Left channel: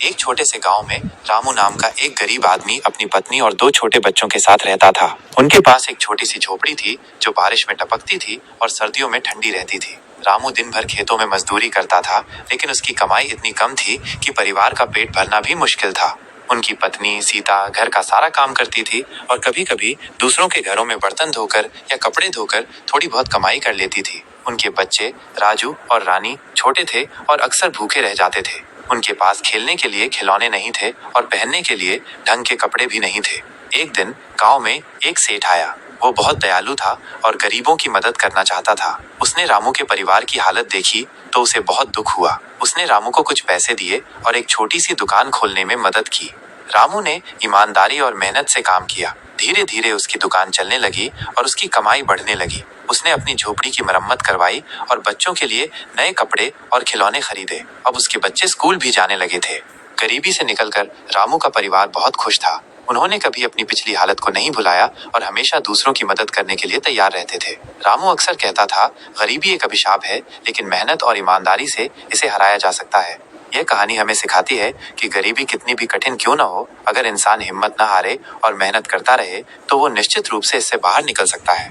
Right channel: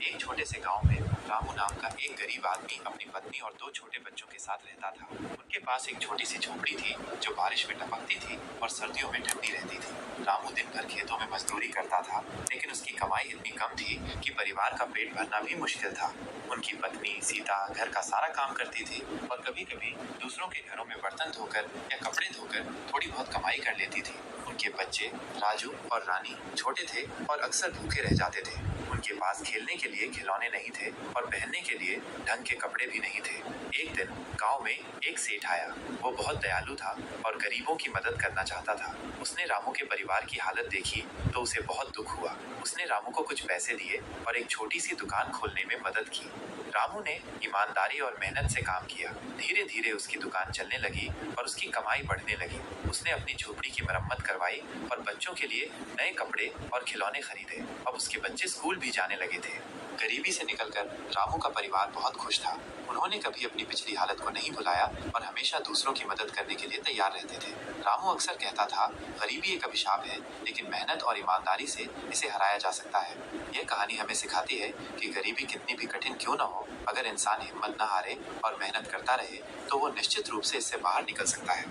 एक छोटे से गांव में रामू नाम का एक गरीब आदमी अपनी पत्नी और 2 छोटे बच्चों के साथ रहता था। उनके पास एक छोटी सी झोपड़ी थी जो बारिश में टपकती थी और सर्दियों में ठंडी रहती थी। रामू दिन भर खेतों में मजदूरी करता था, लेकिन उसकी कमाई इतनी कम थी कि परिवार का पेट भरना भी मुश्किल था। उनकी पत्नी सीता घर का सारा काम करती थी और कभी कभी दूसरों के घरों में बर्तन धोकर या कपड़े धोकर थोड़ी बहुत कमाई कर लेती थी। उनके बच्चे राजू और रानी छोटे थे और अक्सर भूखे रह जाते थे। उनके पास खेलने के लिए खिलौने नहीं थे और पहनने के लिए ढंग के कपड़े भी नहीं थे। एक दिन गांव में एक सेठ आया। वो बहुत दयालु था और गरीबों की मदद करना चाहता था। उसने रामू के परिवार की हालत देखी तो उसे बहुत दुख हुआ। उसने रामू को कुछ पैसे दिए और एक छोटी सी दुकान खोलने में मदद की। रामू ने ईमानदारी और मेहनत से काम किया। धीरे धीरे उसकी दुकान चलने लगी और उसकी कमाई बढ़ने लगी। उसने अपनी झोपड़ी की मरम्मत करवाई और बच्चों के लिए नए कपड़े और खिलौने खरीदे। अब उसके बच्चे स्कूल भी जाने लगे थे। गरीबी से निकलकर रामू का परिवार बहुत खुश था। उन्होंने कभी अपनी पिछली हालत को नहीं भुलाया और हमेशा दूसरों की मदद करने के लिए तैयार रहते थे। रामू अक्सर कहता था, गरीबी एक अभिशाप है, लेकिन मेहनत और ईमानदारी से इसे हराया जा सकता है। यह कहानी हमें सिखाती है कि गरीबी कितनी भी कठिन क्यों न हो, अगर इंसान हिम्मत न हारे और मेहनत करता रहे तो वो निश्चित रूप से इससे बाहर निकल सकता है।